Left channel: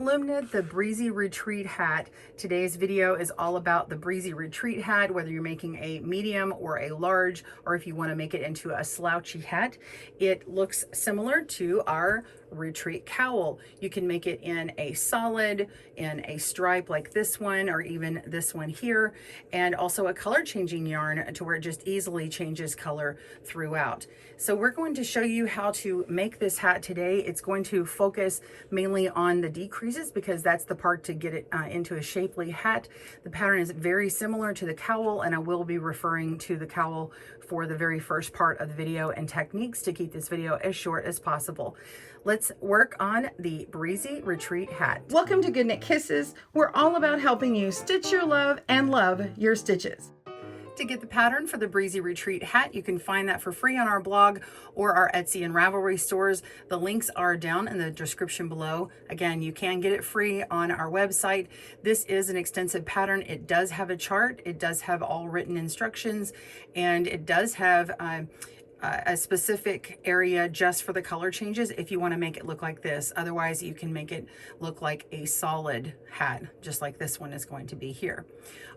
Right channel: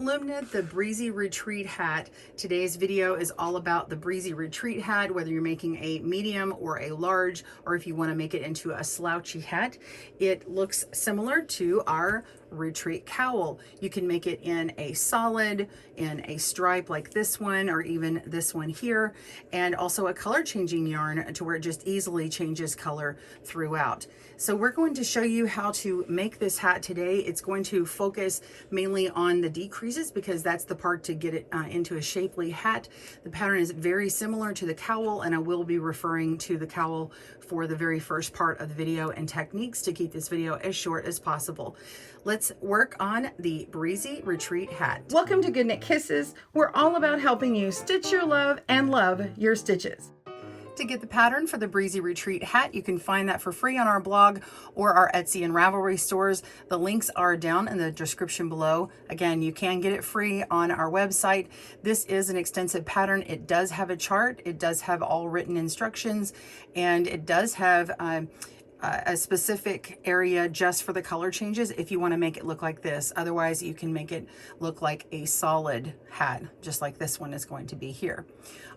Loom knit the Breezy Retreat hat. Today's video is all about the Breezy Retreat hat, whether you're making a medium or a large, or if you want to make it into a slouchy hat. It looks similar to our Retreat Cowl. You can make it in a solid, in a stripe like this one, or even this one here, and also a color changing yarn to where it just easily changes color throughout. So we're going to show you how to make this hat today. It's going to focus mainly on the decreases because that's the part to get it into a shapely hat. The pattern is very similar to the cowl, and I will be referring to the cowl for the very first part of the video and techniques to keep this video as short as possible. Let's work on the Breezy Retreat hat. Welcome to GoodKnitKisses. We're all about helping you stitch your love and love your stitches. To get the pattern for the Breezy Retreat hat, you can find that for free on our blog or our Etsy and Ravelry stores. The links are down in the description below. Again, you can get it free on our website. This is an extensive pattern. It does have a chart. It does have all written instructions, and it does have a specific area just for the color changes if you want to make it look like this. Otherwise, you can make it look like a solid hat, just like this one is going to be here.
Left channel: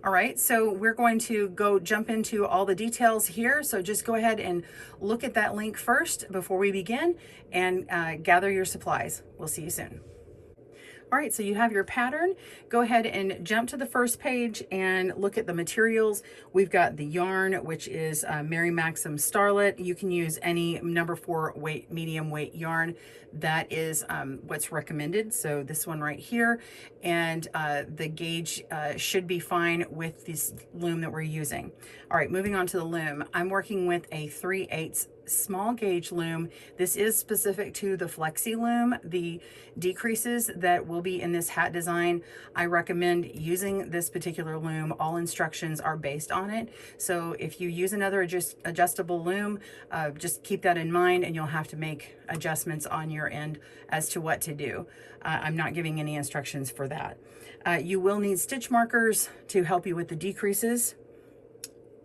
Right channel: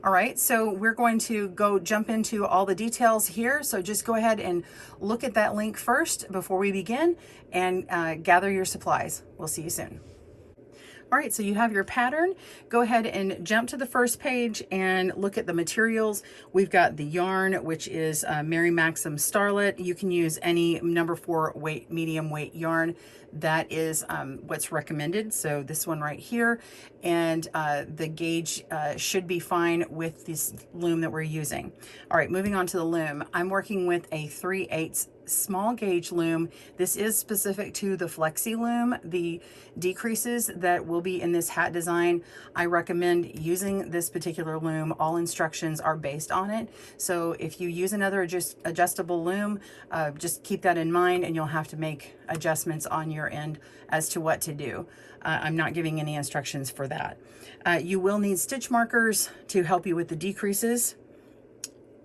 All right, so we're going to jump into all the details here. So just go ahead and look at that link first before we begin, and gather your supplies. We'll see you soon. All right, so you have your pattern. Go ahead and jump to the first page and look at the materials. We've got the yarn, which is Mary Maxim Starlet. You can use any number 4 weight, medium weight yarn. That is what's recommended. So this one right here, and the gauge should be fine with this loom that we're using. All right, moving on to the loom. I'm working with a 3/8 small gauge loom. This is specific to the flexi loom. The decreases that will be in this hat design, I recommend using this particular loom. All instructions are based on it. So if you use another adjustable loom, just keep that in mind, and you'll have to make adjustments on your end as to what to do. I'm not giving any instructions for that. You will need stitch markers to help you with the decreases.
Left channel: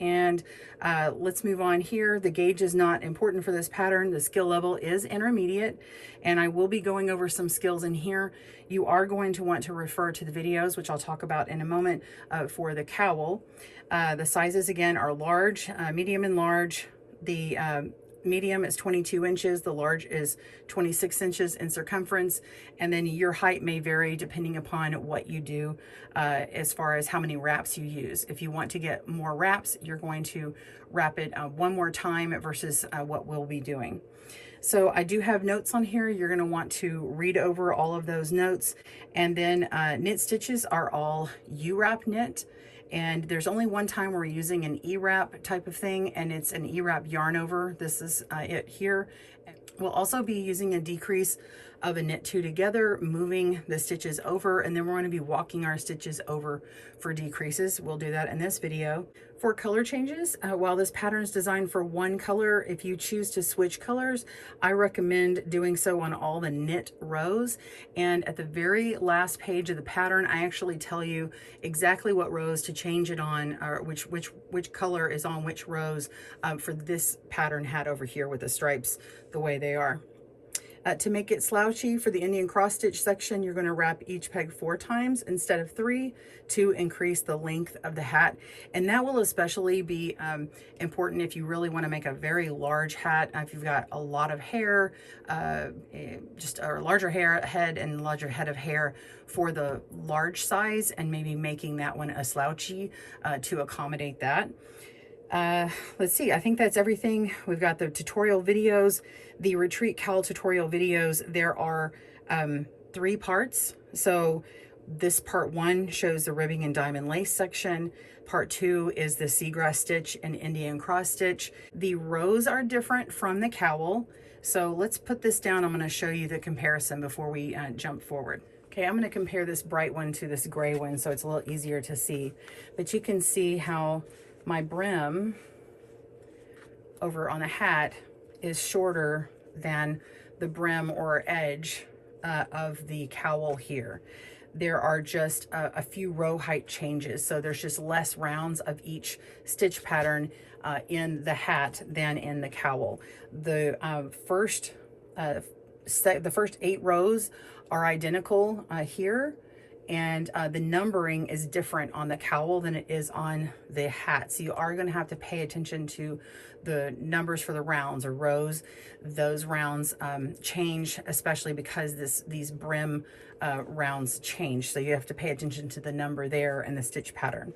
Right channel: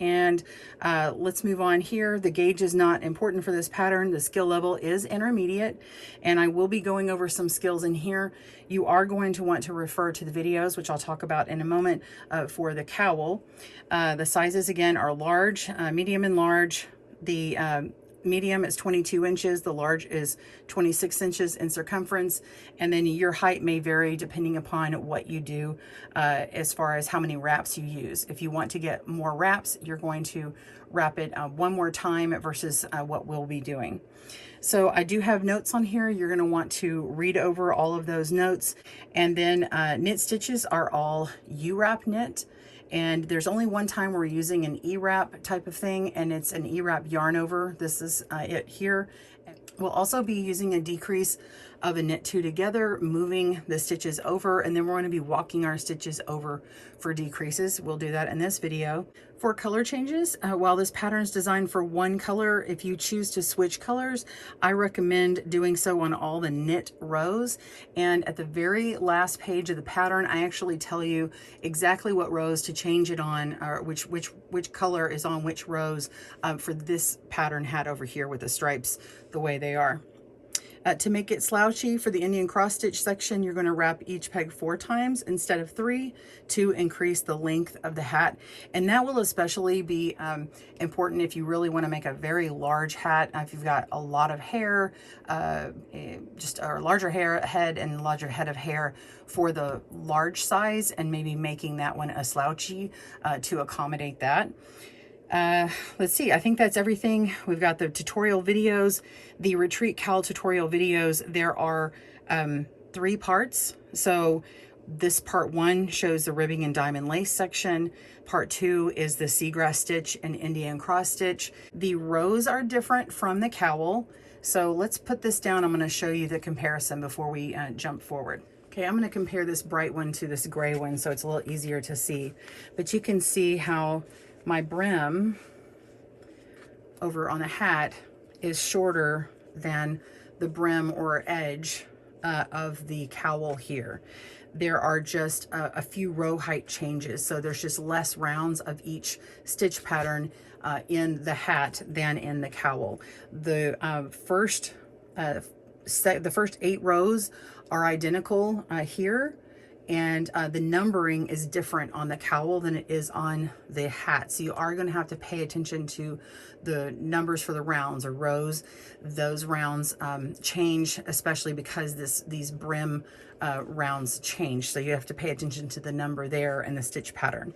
And let's move on here. The gauge is not important for this pattern. The skill level is intermediate, and I will be going over some skills in here. You are going to want to refer to the videos, which I'll talk about in a moment, for the cowl. The sizes again are large, medium and large. The medium is 22 inches, the large is 26 inches in circumference, and then your height may vary depending upon what you do as far as how many wraps you use. If you want to get more wraps, you're going to wrap it one more time versus what we'll be doing. So I do have notes on here. You're going to want to read over all of those notes, and then knit stitches are all U-wrap knit. And there's only one time we're using an E-wrap type of thing, and it's an E-wrap yarn over. This is it here. We'll also be using a decrease of a knit 2 together, moving the stitches over, and then we're going to be walking our stitches over for decreases. We'll do that in this video. For color changes, while this pattern is designed for one color, if you choose to switch colors, I recommend doing so on all the knit rows. And at the very last page of the pattern, I actually tell you exactly what rows to change it on, or which color is on which rows for this pattern hat over here with the stripes the way they are. To make it slouchy for the Indian cross stitch section, you're going to wrap each peg 4 times instead of 3 to increase the length of the hat. And that will especially be important if you really want to make a very large hat. If you've got a lot of hair, just a larger head and larger head of hair for the large size, and maybe making that one a slouchy to accommodate that. Let's see, I think that's everything. We've got the tutorial videos, the Retreat Cowl tutorial videos. There are 3 parts. So this part 1 shows the ribbing and diamond lace section. Part 2 is the seagrass stitch and Indian cross stitch. The rows are different from the cowl. So let's put this down. I'm going to show you the comparison before we jump forward. Okay, I'm going to compare this bright one to this gray one so it's a little easier to see. But you can see how my brim over on the hat is shorter than the brim or edge of the cowl here. There are just a few row height changes, so there's just less rounds of each stitch pattern in the hat than in the cowl. The first the first 8 rows are identical here, and the numbering is different on the cowl than it is on the hat. So you are going to have to pay attention to the numbers for the rounds or rows. Those rounds change, especially because these brim rounds change. So you have to pay attention to the number there and the stitch pattern.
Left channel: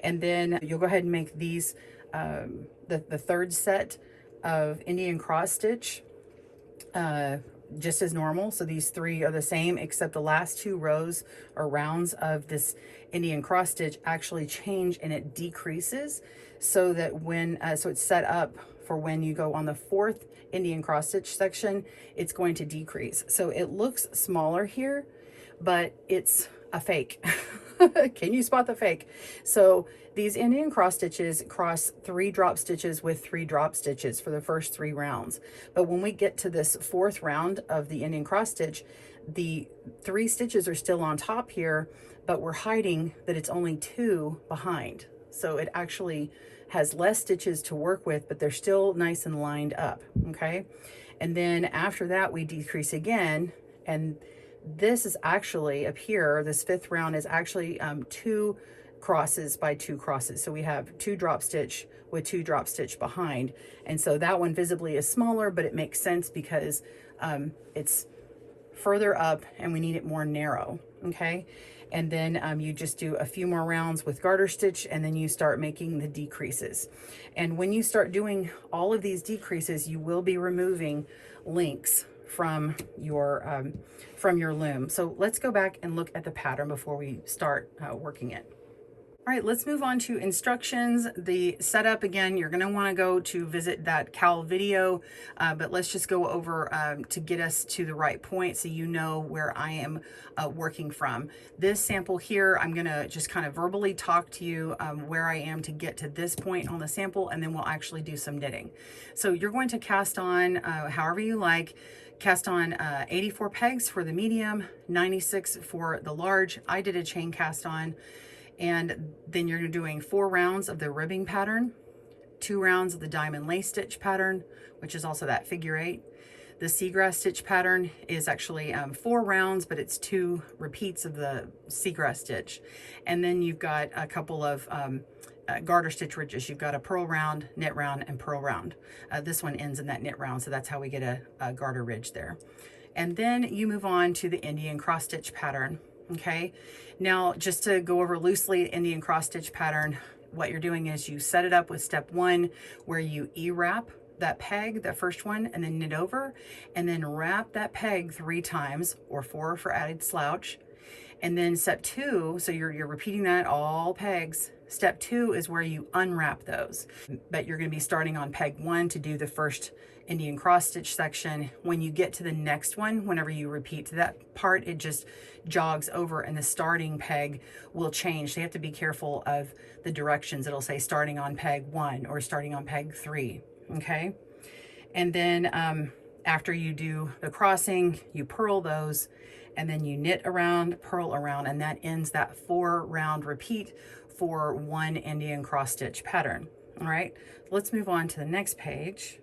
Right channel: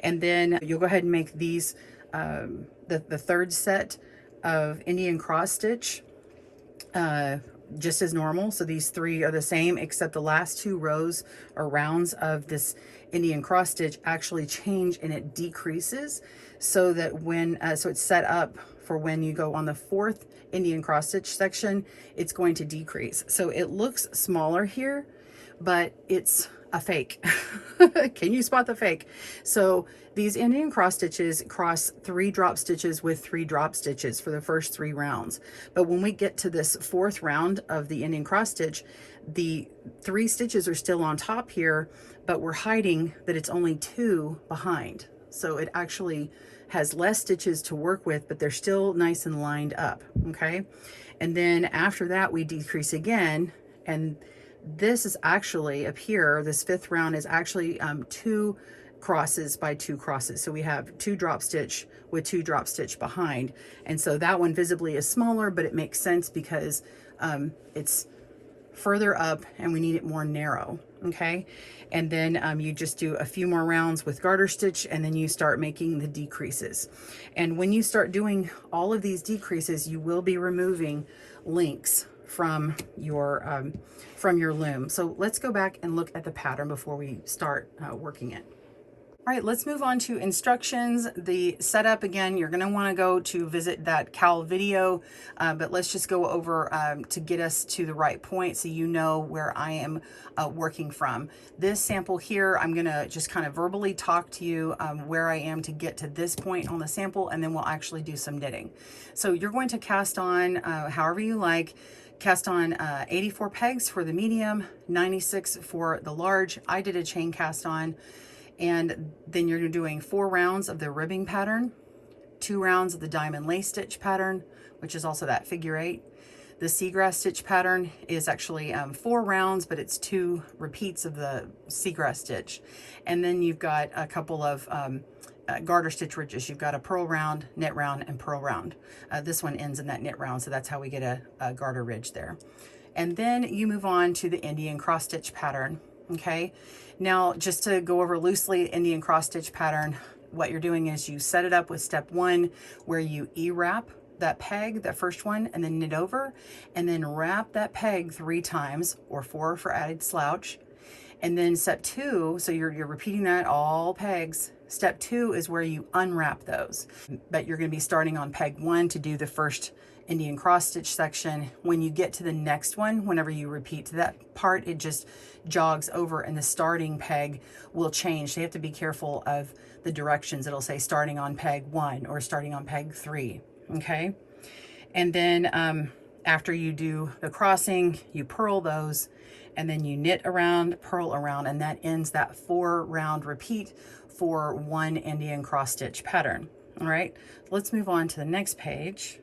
And then you'll go ahead and make these the third set of Indian cross stitch just as normal. So these 3 are the same, except the last 2 rows or rounds of this Indian cross stitch actually change and it decreases, so that when so it's set up for when you go on the 4th Indian cross stitch section, it's going to decrease. So it looks smaller here, but it's a fake. Can you spot the fake? So these Indian cross stitches cross 3 drop stitches with 3 drop stitches for the first 3 rounds. But when we get to this 4th round of the Indian cross stitch, the 3 stitches are still on top here, but we're hiding that it's only 2 behind. So it actually has less stitches to work with, but they're still nice and lined up, okay? And then after that, we decrease again, and this is actually up here, this 5th round is actually 2 crosses by 2 crosses. So we have 2 drop stitch with 2 drop stitch behind. And so that one visibly is smaller, but it makes sense because it's further up and we need it more narrow, okay? And then you just do a few more rounds with garter stitch, and then you start making the decreases. And when you start doing all of these decreases, you will be removing links from your loom. So let's go back and look at the pattern before we start working it. All right, let's move on to instructions. The setup, again, you're gonna wanna go to visit that cowl video, but let's just go over to get us to the right point so you know where I am working from. This sample here, I'm gonna just kind of verbally talk to you where I am to get to this point on the sample, and then we'll actually do some knitting. So you're going to cast on however you like. Cast on 84 pegs for the medium, 96 for the large. I did a chain cast on. And then you're doing 4 rounds of the ribbing pattern, 2 rounds of the diamond lace stitch pattern, which is also that figure 8. The seagrass stitch pattern is actually 4 rounds, but it's 2 repeats of the seagrass stitch. And then you've got a couple of garter stitch ridges. You've got a purl round, knit round, and purl round. This one ends in that knit round, so that's how we get a garter ridge there. And then you move on to the Indian cross stitch pattern, okay? Now, just to go over loosely, Indian cross stitch pattern, what you're doing is you set it up with step 1, where you E-wrap that peg, that first one, and then knit over, and then wrap that peg 3 times, or 4 for added slouch. And then step 2, so you're repeating that all pegs. Step 2 is where you unwrap those, but you're going to be starting on peg 1 to do the first Indian cross stitch section. When you get to the next one, whenever you repeat to that part, it just jogs over and the starting peg will change. So you have to be careful of the directions. It'll say starting on peg 1 or starting on peg 3, okay? And then after you do the crossing, you purl those, and then you knit around, purl around, and that ends that 4 round repeat for 1 Indian cross stitch pattern. All right, let's move on to the next page.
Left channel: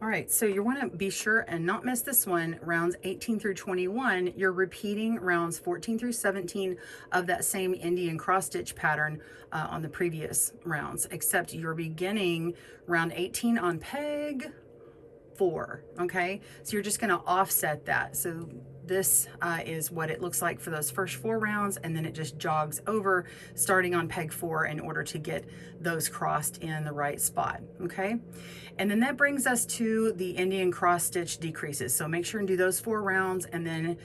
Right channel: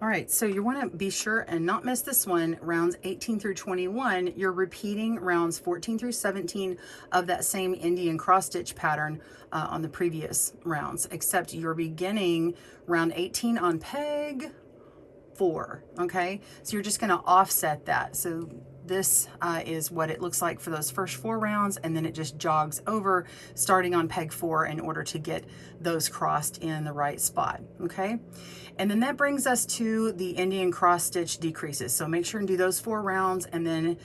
All right, so you want to be sure and not miss this one, rounds 18 through 21. You're repeating rounds 14 through 17 of that same Indian cross stitch pattern on the previous rounds, except you're beginning round 18 on peg 4, okay? So you're just going to offset that. So this is what it looks like for those first 4 rounds, and then it just jogs over starting on peg 4 in order to get those crossed in the right spot, okay? And then that brings us to the Indian cross stitch decreases. So make sure and do those 4 rounds, and then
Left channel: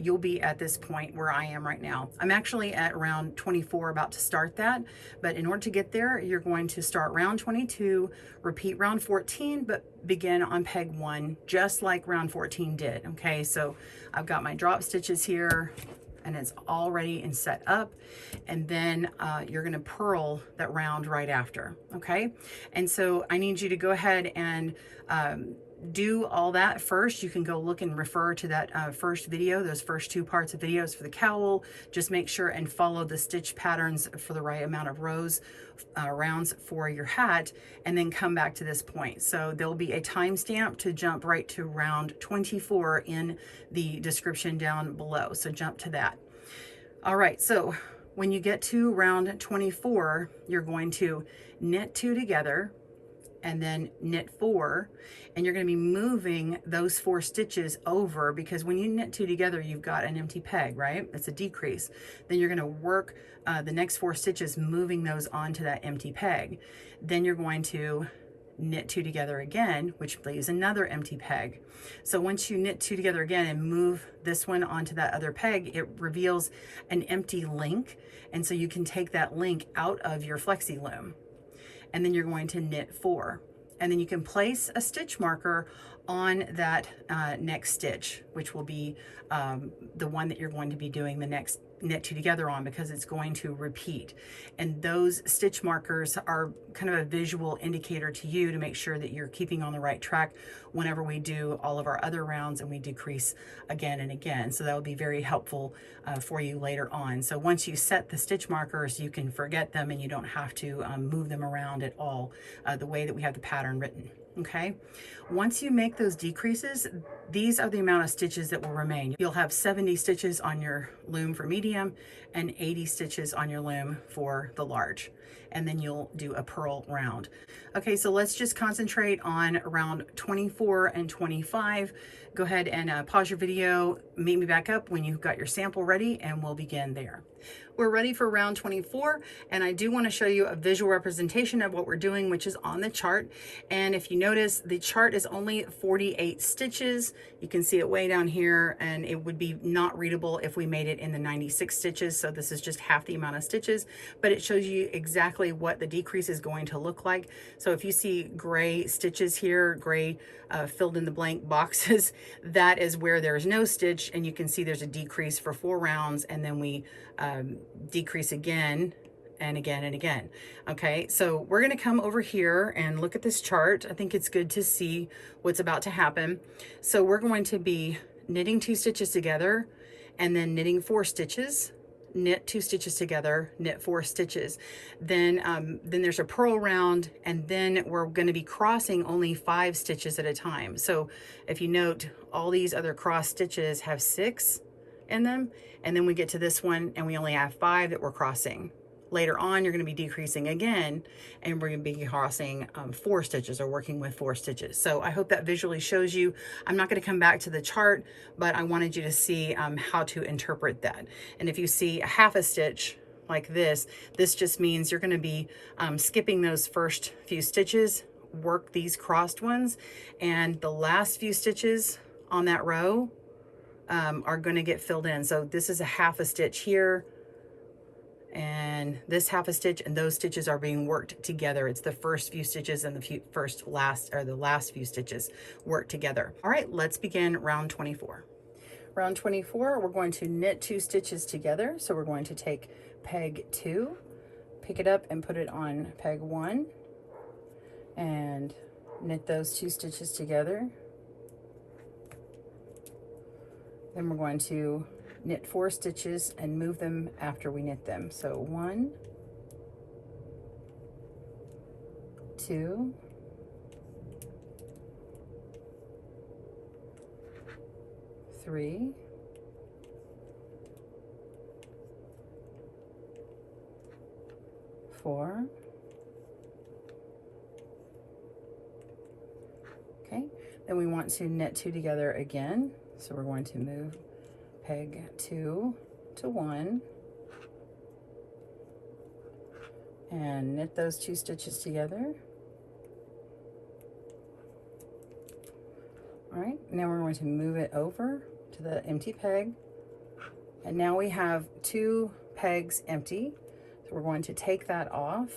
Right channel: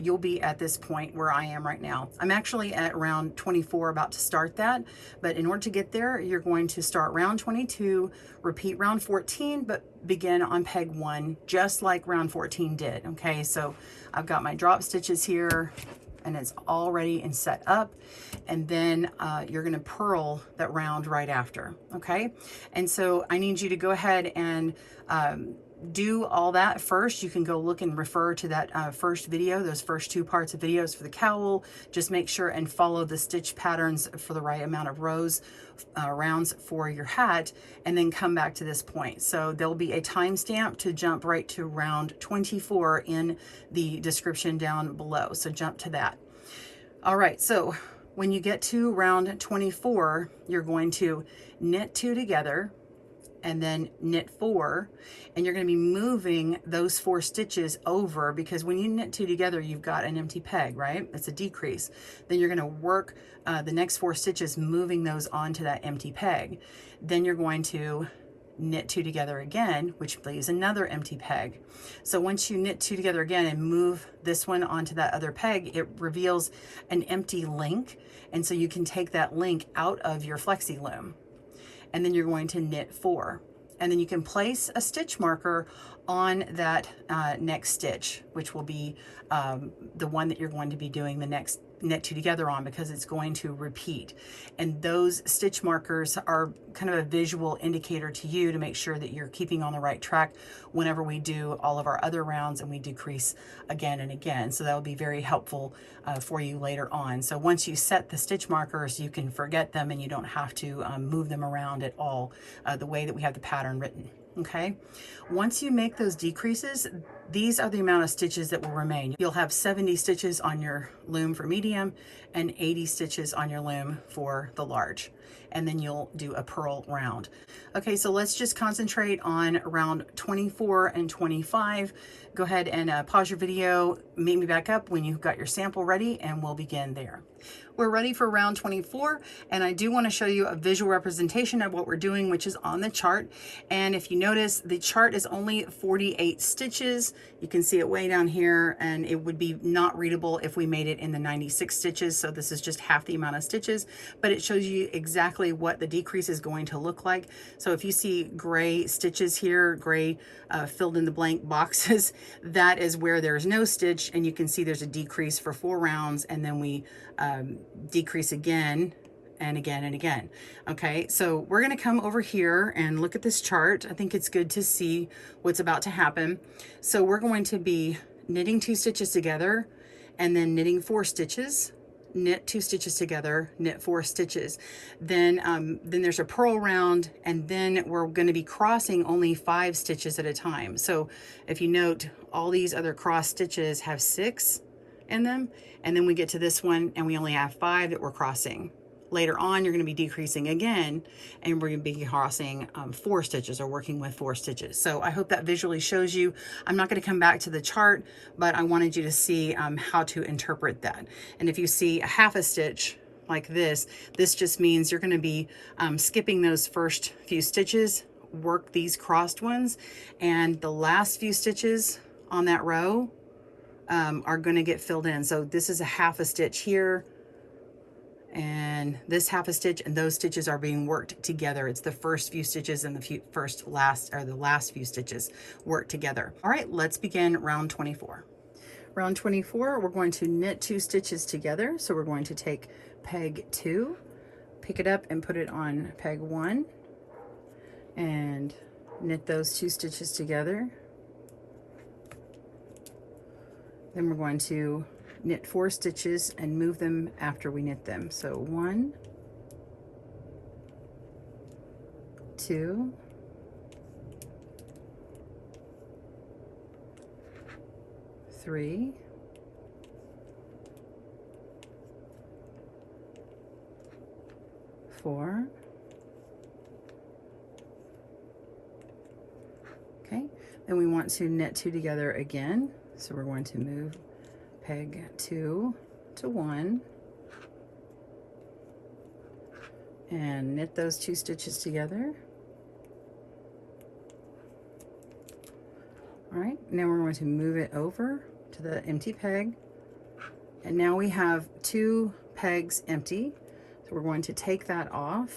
you'll be at this point where I am right now. I'm actually at round 24, about to start that, but in order to get there, you're going to start round 22, repeat round 14, but begin on peg 1, just like round 14 did, okay? So I've got my drop stitches here, and it's all ready and set up, and then you're gonna purl that round right after, okay? And so I need you to go ahead and do all that first, you can go look and refer to that first video, those first 2 parts of videos for the cowl. Just make sure and follow the stitch patterns for the right amount of rows, rounds for your hat, and then come back to this point. So there'll be a timestamp to jump right to round 24 in the description down below. So jump to that. All right, so when you get to round 24, you're going to knit 2 together and then knit 4, and you're going to be moving those 4 stitches over, because when you knit 2 together, you've got an empty peg, right? It's a decrease. Then you're going to work the next 4 stitches, moving those onto that empty peg. Then you're going to knit 2 together again, which leaves another empty peg. So once you knit 2 together again and move this one onto that other peg, it reveals an empty link, and so you can take that link out of your flexi loom. And then you're going to knit 4, and then you can place a stitch marker on that next stitch, which will be the one that you're going to be doing the next knit 2 together on, because it's going to repeat. And those stitch markers are kind of a visual indicator to you to make sure that you're keeping on the right track whenever we do all of our other rounds and we decrease again and again. So that will be very helpful for you later on. So once you set the stitch markers, you can forget them and you don't have to move them around at all the way that we have the pattern written. Okay, once you make those decreases, these are the amount of stitches that will remain. You'll have 70 stitches on your loom for medium and 80 stitches on your loom for the large, and then you'll do a purl round. Okay, so let's just concentrate on round 24 and 25. Go ahead and pause your video, meet me back up when you've got your sample ready, and we'll begin there. We're ready for round 24, and I do want to show you a visual representation of what we're doing, which is on the chart. And if you notice, the chart is only 48 stitches. You can see it way down here, and it would be not readable if we made it in the 96 stitches. So this is just half the amount of stitches, but it shows you exactly what the decrease is going to look like. So if you see gray stitches here, gray filled in the blank boxes, that is where there's no stitch, and you can see there's a decrease for 4 rounds, and then we decrease again and again and again. Okay, so we're going to come over here and look at this chart. I think it's good to see what's about to happen. So we're going to be knitting 2 stitches together and then knitting 4 stitches, knit 2 stitches together, knit 4 stitches. Then there's a purl round, and then we're going to be crossing only 5 stitches at a time. So if you note, all these other cross stitches have 6 in them, and then we get to this one and we only have 5 that we're crossing. Later on, you're going to be decreasing again, and we're going to be crossing 4 stitches, or working with 4 stitches. So I hope that visually shows you. I'm not going to come back to the chart, but I wanted you to see how to interpret that. And if you see a half a stitch like this, this just means you're going to be skipping those first few stitches, work these crossed ones, and the last few stitches on that row are going to get filled in. So this is a half a stitch here, and this half a stitch, and those stitches are being worked together. It's the first few stitches and the last few stitches worked together. All right, let's begin round 24. Round 24, we're going to knit 2 stitches together. So we're going to take peg 2, pick it up and put it on peg 1, and knit those 2 stitches together. Then we're going to knit 4 stitches and move them after we knit them. So 1, 2, 3, 4. Okay, then we want to knit 2 together again. So we're going to move peg 2 to 1 and knit those 2 stitches together. All right, now we're going to move it over to the empty peg, and now we have 2 pegs empty. So we're going to take that off,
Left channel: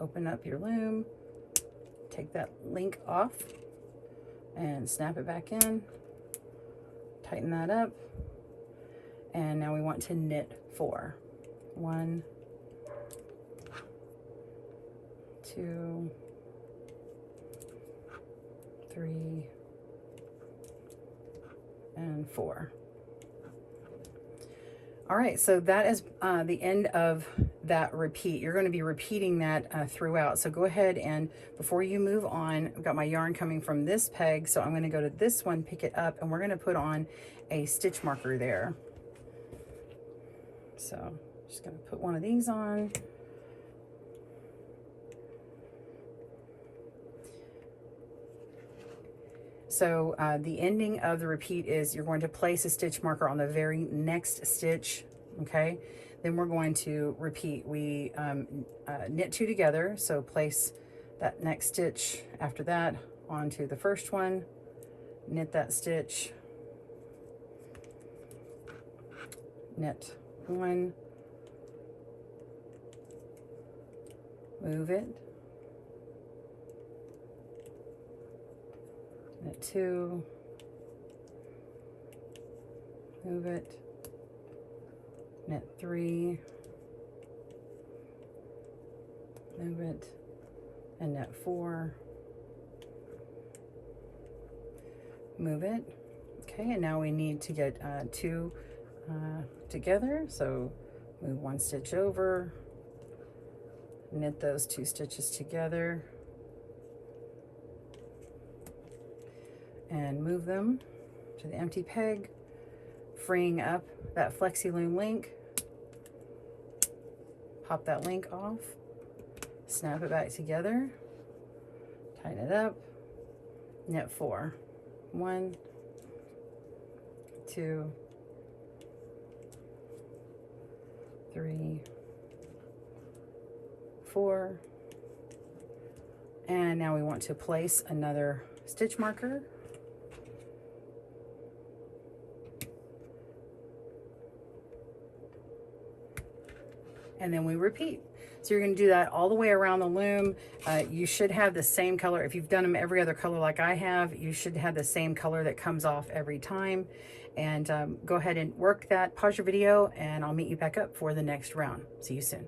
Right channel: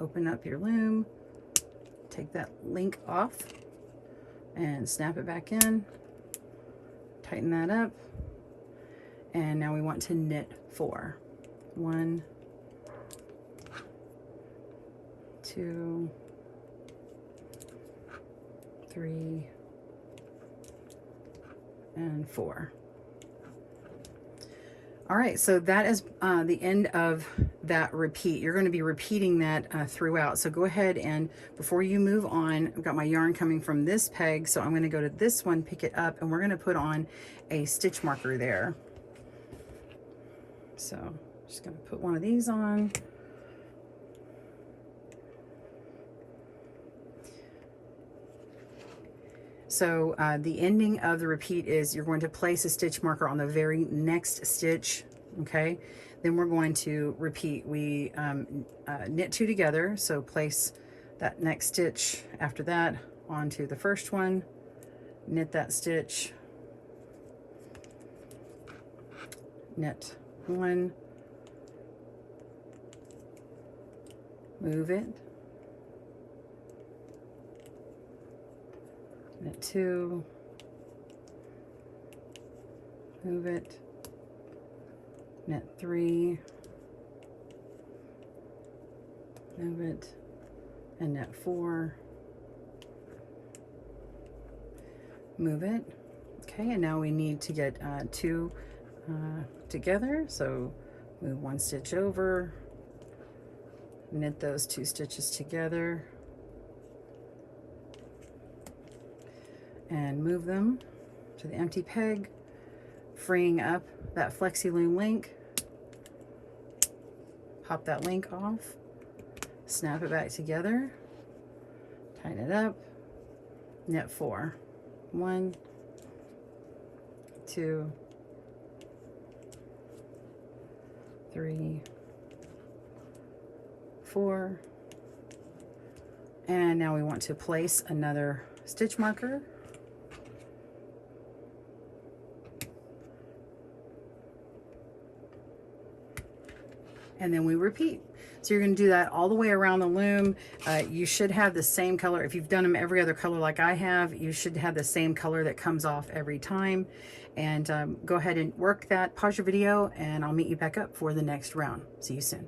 open up your loom, take that link off and snap it back in, tighten that up, and now we want to knit 4. 1, 2, 3, and 4. All right, so that is the end of that repeat. You're going to be repeating that throughout. So go ahead and before you move on, I've got my yarn coming from this peg, so I'm going to go to this one, pick it up, and we're going to put on a stitch marker there. So just going to put one of these on. So the ending of the repeat is you're going to place a stitch marker on the very next stitch, okay? Then we're going to repeat. We knit 2 together, so place that next stitch after that onto the first one, knit that stitch, knit 1, move it, knit 2, move it, knit 3, move it, and knit 4, move it. Okay, and now we need to get 2 together, so move 1 stitch over, knit those 2 stitches together, and move them to the empty peg, freeing up that flexi loom link. Pop that link off, snap it back together, tighten it up, knit 4, 1, 2, 3, 4, and now we want to place another stitch marker. And then we repeat. So you're going to do that all the way around the loom. You should have the same color. If you've done them every other color like I have, you should have the same color that comes off every time. And go ahead and work that. Pause your video and I'll meet you back up for the next round. See you soon.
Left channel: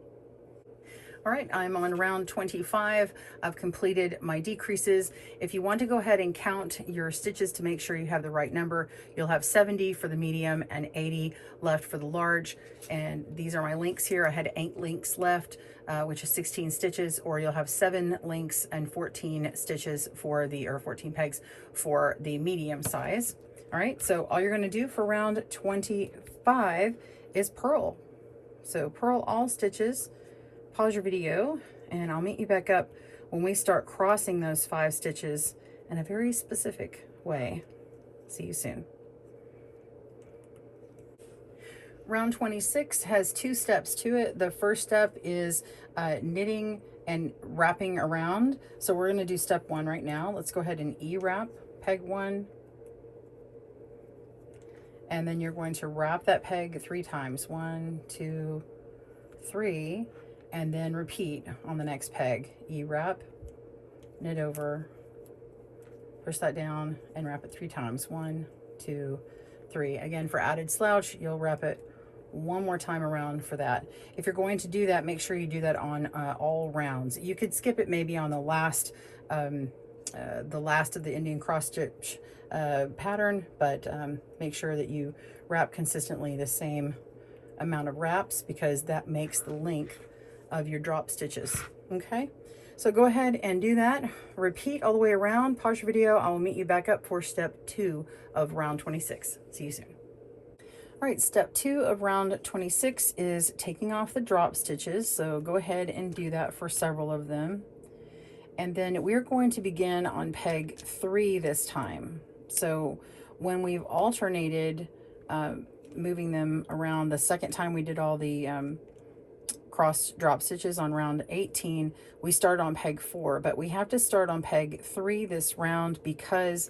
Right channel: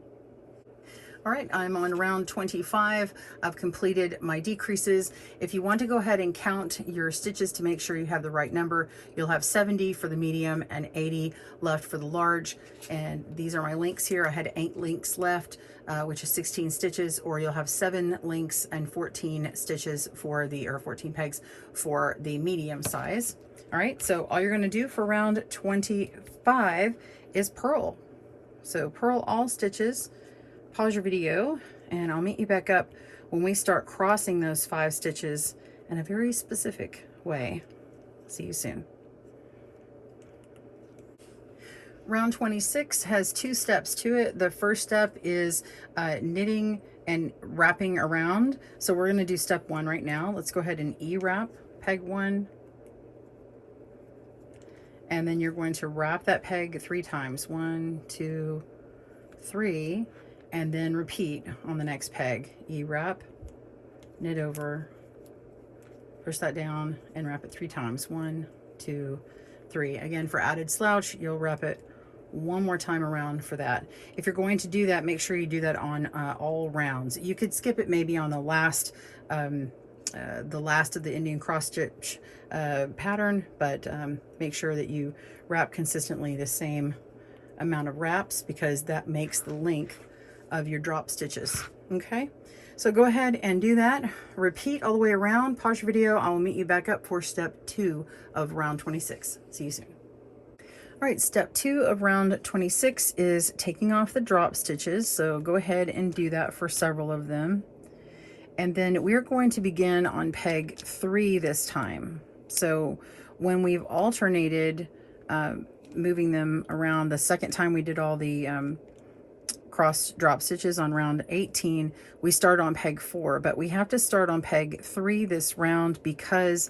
All right, I'm on round 25. I've completed my decreases. If you want to go ahead and count your stitches to make sure you have the right number, you'll have 70 for the medium and 80 left for the large. And these are my links here. I had 8 links left, which is 16 stitches, or you'll have 7 links and 14 stitches for the, or 14 pegs for the medium size. All right, so all you're gonna do for round 25 is purl. So purl all stitches. Pause your video and I'll meet you back up when we start crossing those 5 stitches in a very specific way. See you soon. Round 26 has 2 steps to it. The first step is knitting and wrapping around. So we're going to do step 1 right now. Let's go ahead and E-wrap peg 1. And then you're going to wrap that peg 3 times. 1, 2, 3. And then repeat on the next peg. E-wrap, knit over, push that down, and wrap it 3 times. 1, 2, 3. Again, for added slouch, you'll wrap it 1 more time around for that. If you're going to do that, make sure you do that on all rounds. You could skip it maybe on the last of the Indian cross stitch pattern, but make sure that you wrap consistently the same amount of wraps, because that makes the length of your drop stitches. Okay, so go ahead and do that. Repeat all the way around. Pause your video. I will meet you back up for step 2 of round 26. See you soon. All right, step 2 of round 26 is taking off the drop stitches. So go ahead and do that for several of them. And then we're going to begin on peg 3 this time. So when we've alternated moving them around, the second time we did all the cross drop stitches on round 18, we start on peg 4, but we have to start on peg 3 this round because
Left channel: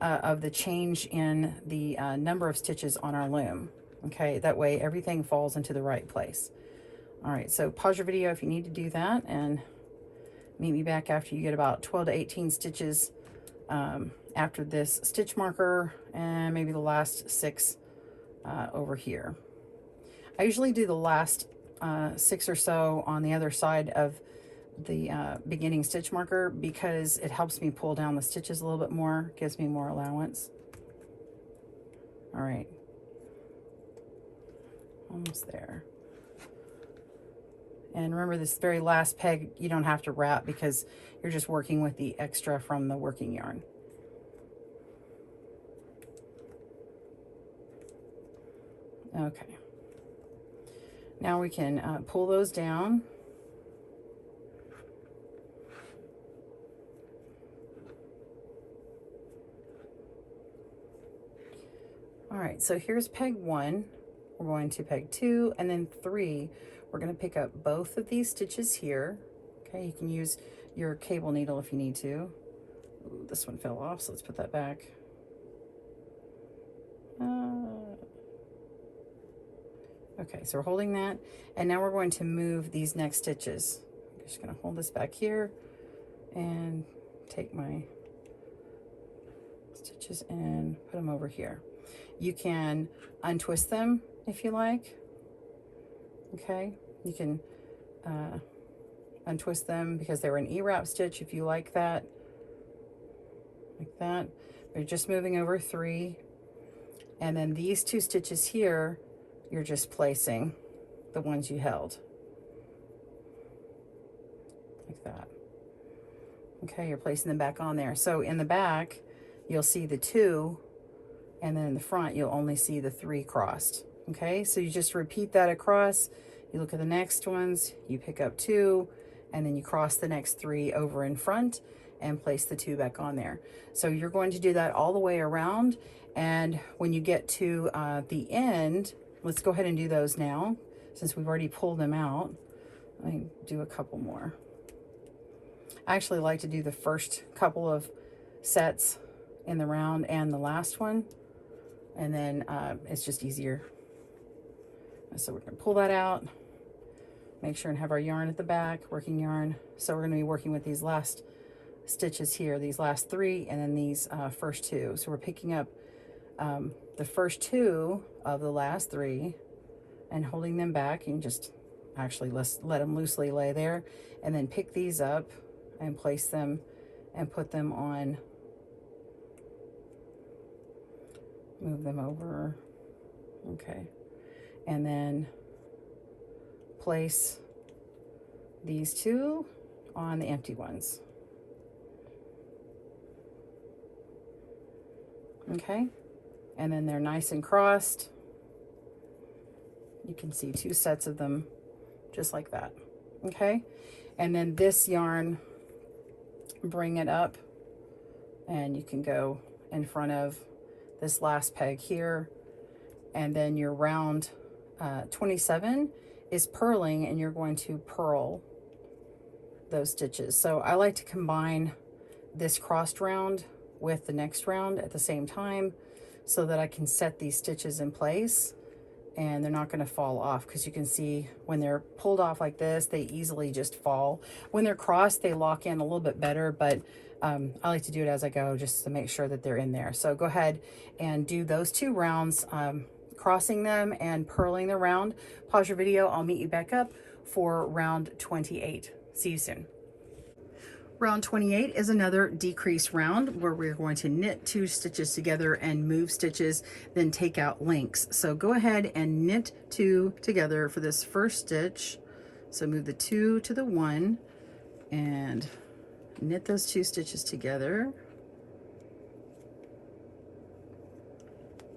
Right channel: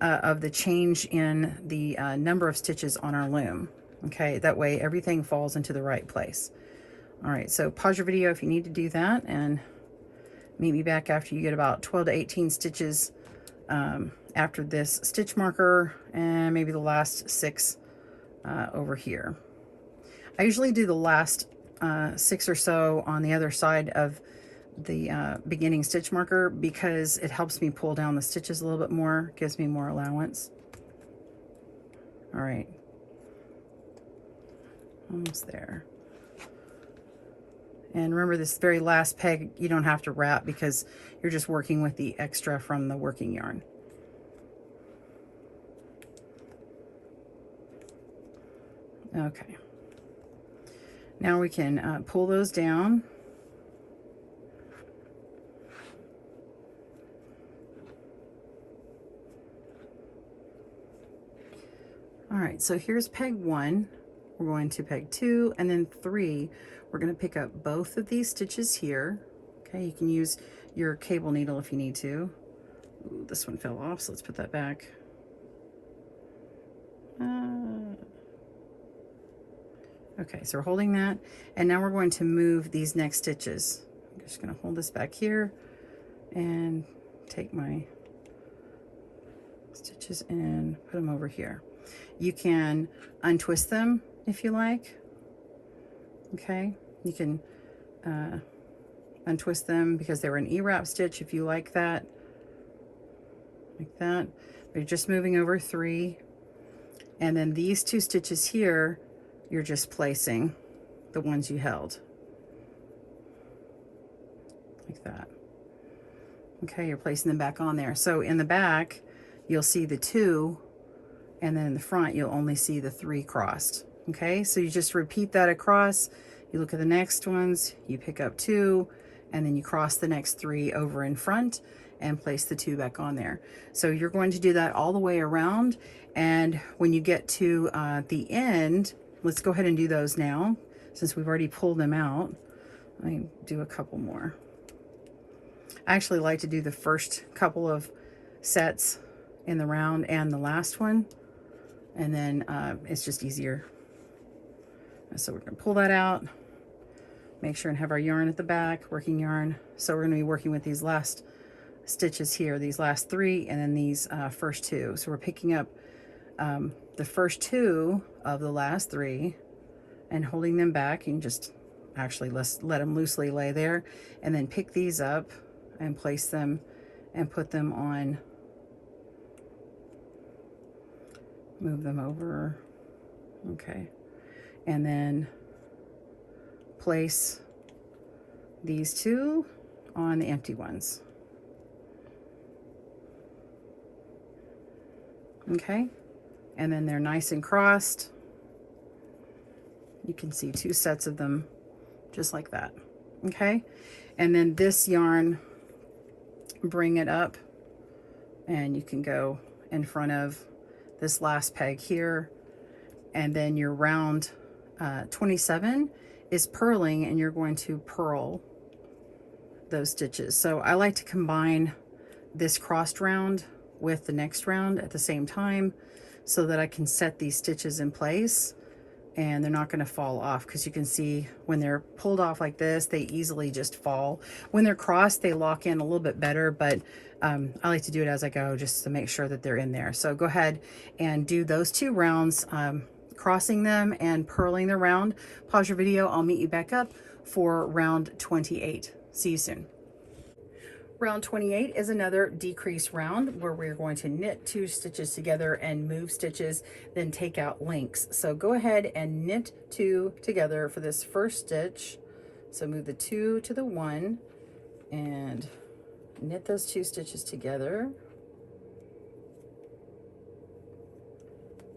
of the change in the number of stitches on our loom. Okay, that way everything falls into the right place. All right, so pause your video if you need to do that, and meet me back after you get about 12 to 18 stitches after this stitch marker, and maybe the last 6 over here. I usually do the last 6 or so on the other side of beginning stitch marker because it helps me pull down the stitches a little bit more, gives me more allowance. All right, almost there. And remember, this very last peg you don't have to wrap because you're just working with the extra from the working yarn. Okay, now we can pull those down. All right, so here's peg 1. We're going to peg 2 and then 3. We're going to pick up both of these stitches here. Okay, you can use your cable needle if you need to. Ooh, this one fell off, so let's put that back. Okay, so we're holding that, and now we're going to move these next stitches. I'm just going to hold this back here and take my stitches and put them over here. You can untwist them if you like. Okay, you can untwist them because they were an E-wrap stitch if you like that, like that. But you're just moving over 3, and then these 2 stitches here, you're just placing the ones you held, like that. Okay, you're placing them back on there. So in the back, you'll see the 2, and then in the front, you'll only see the 3 crossed. Okay, so you just repeat that across. You look at the next ones, you pick up 2, and then you cross the next 3 over in front and place the 2 back on there. So you're going to do that all the way around, and when you get to the end, let's go ahead and do those now since we've already pulled them out. Let me do a couple more. I actually like to do the first couple of sets in the round and the last one, and then it's just easier. So we're going to pull that out, make sure and have our yarn at the back, working yarn. So we're going to be working with these last stitches here, these last 3, and then these first 2. So we're picking up the first 2 of the last 3 and holding them back. You can just actually let them loosely lay there, and then pick these up and place them and put them on, move them over. Okay, and then place these 2 on the empty ones. Okay, and then they're nice and crossed. You can see 2 sets of them just like that. Okay, and then this yarn, bring it up, and you can go in front of this last peg here, and then your round 27 is purling, and you're going to purl those stitches. So I like to combine this crossed round with the next round at the same time so that I can set these stitches in place and they're not going to fall off, because you can see when they're pulled off like this, they easily just fall. When they're crossed, they lock in a little bit better, but I like to do it as I go just to make sure that they're in there. So go ahead and do those 2 rounds, crossing them and purling the round. Pause your video. I'll meet you back up for round 28. See you soon. Round 28 is another decrease round where we're going to knit 2 stitches together and move stitches, then take out links. So go ahead and knit 2 together for this first stitch. So move the 2 to the 1 and knit those 2 stitches together.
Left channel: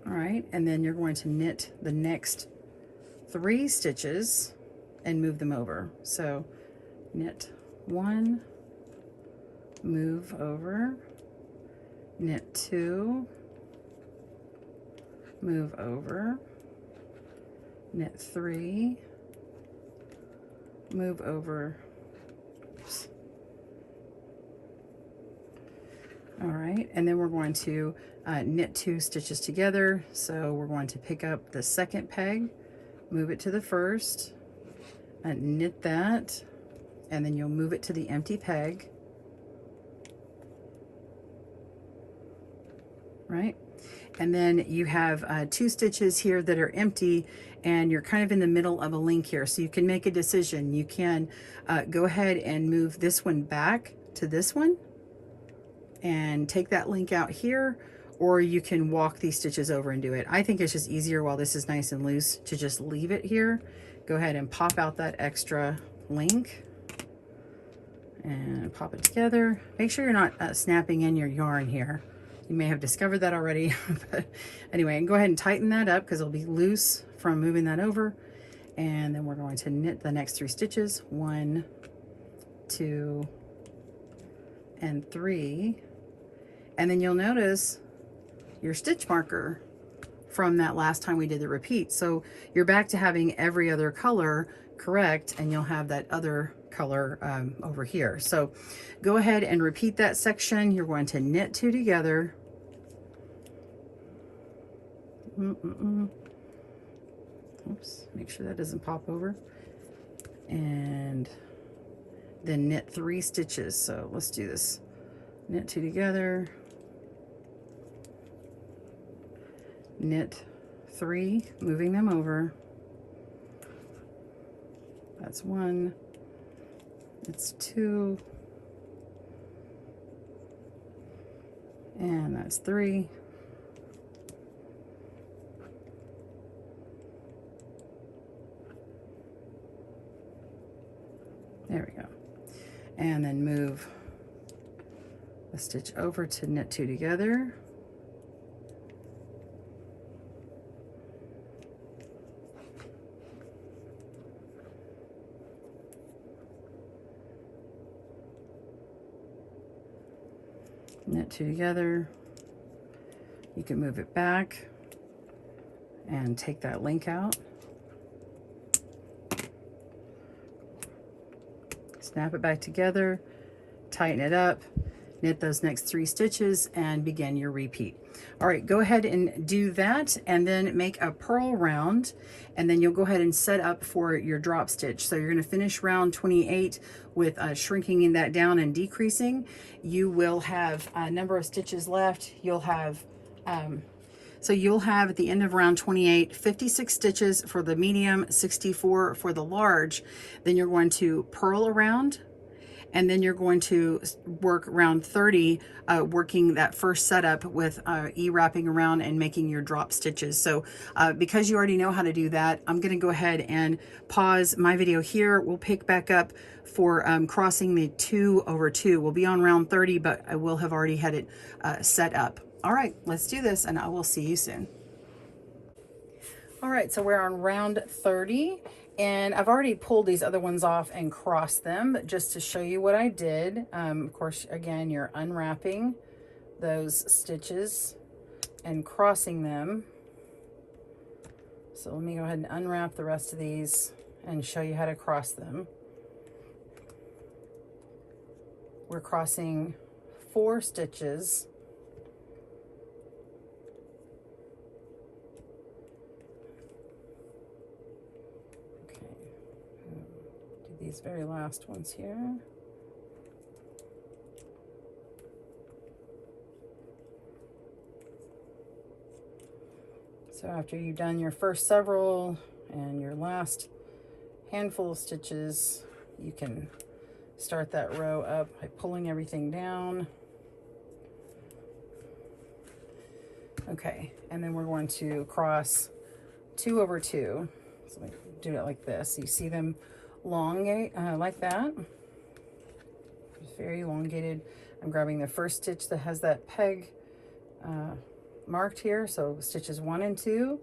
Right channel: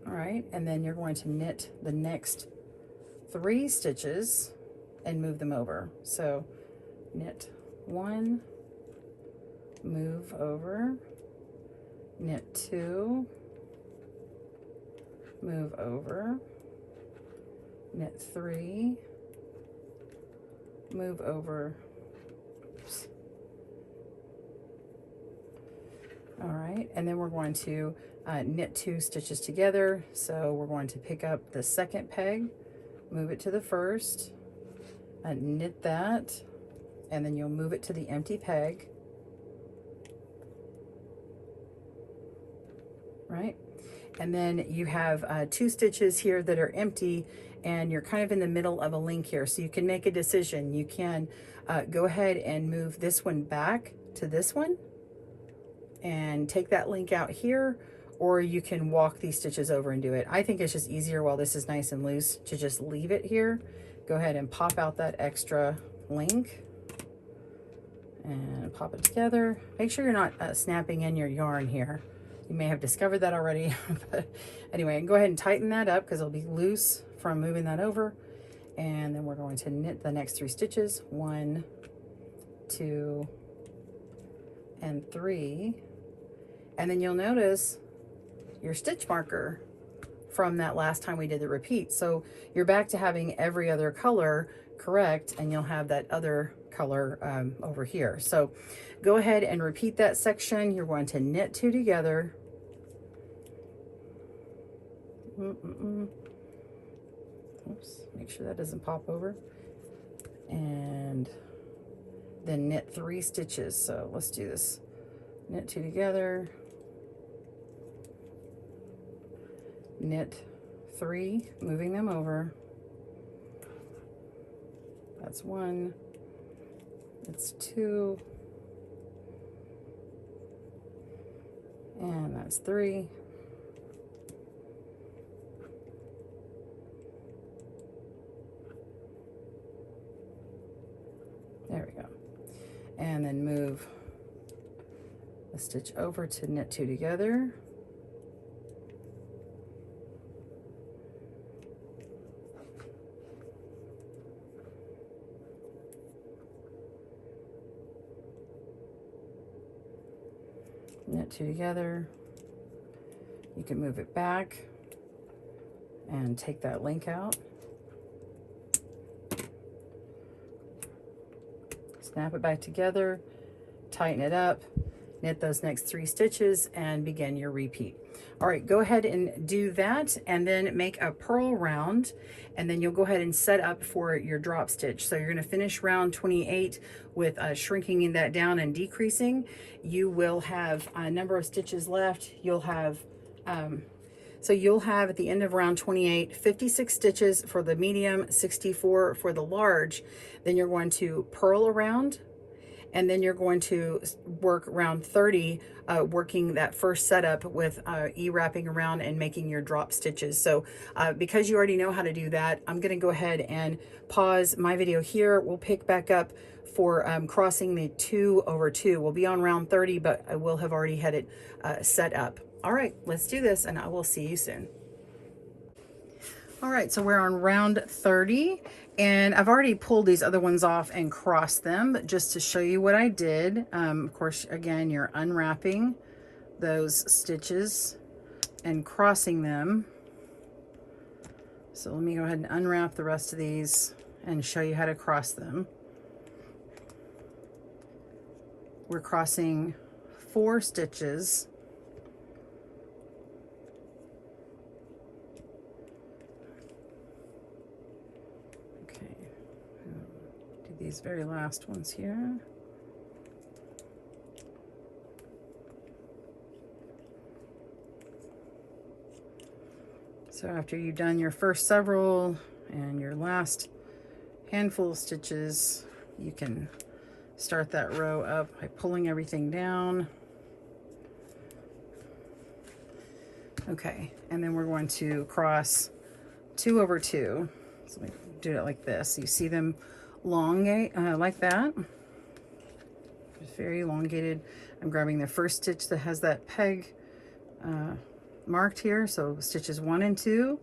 All right, and then you're going to knit the next 3 stitches and move them over. So knit 1, move over, knit 2, move over, knit 3, move over. Oops. All right, and then we're going to knit 2 stitches together. So we're going to pick up the second peg, move it to the first, knit that, and then you'll move it to the empty peg. Right, and then you have 2 stitches here that are empty, and you're kind of in the middle of a link here. So you can make a decision. You can go ahead and move this one back to this one and take that link out here, or you can walk these stitches over and do it. I think it's just easier while this is nice and loose to just leave it here. Go ahead and pop out that extra link and pop it together. Make sure you're not snapping in your yarn here. You may have discovered that already, but anyway, go ahead and tighten that up because it'll be loose from moving that over. And then we're going to knit the next 3 stitches, 1, 2, and 3. And then you'll notice your stitch marker from that last time we did the repeat. So you're back to having every other color correct, and you'll have that other color over here. So go ahead and repeat that section. You're going to knit 2 together. Oops, make sure that doesn't pop over. And then knit 3 stitches. So let's do this. Knit 2 together. Knit 3, moving them over. That's 1. It's 2. And that's 3. There we go. And then move the stitch over to knit 2 together. Knit 2 together. You can move it back and take that link out. Snap it back together, tighten it up, knit those next 3 stitches, and begin your repeat. All right, go ahead and do that, and then make a purl round, and then you'll go ahead and set up for your drop stitch. So you're going to finish round 28 with shrinking that down and decreasing. You will have a number of stitches left. You'll have so you'll have at the end of round 28 56 stitches for the medium, 64 for the large. Then you're going to purl around, and then you're going to work round 30 working that first setup with wrapping around and making your drop stitches. So because you already know how to do that, I'm going to go ahead and pause my video here. We'll pick back up for crossing the 2 over 2. We'll be on round 30, but I will have already had it set up. All right, let's do this, and I will see you soon. All right, so we're on round 30, and I've already pulled these other ones off and crossed them just to show you what I did. Of course, again, you're unwrapping those stitches and crossing them. So let me go ahead and unwrap the rest of these and show you how to cross them. We're crossing 4 stitches. These very last ones here. So after you've done your first several and your last handful of stitches, you can start that row up by pulling everything down. Okay, and then we're going to cross 2 over 2. So we do it like this. You see them elongate like that. Just very elongated. I'm grabbing the first stitch that has that peg marked here. So stitches 1 and 2,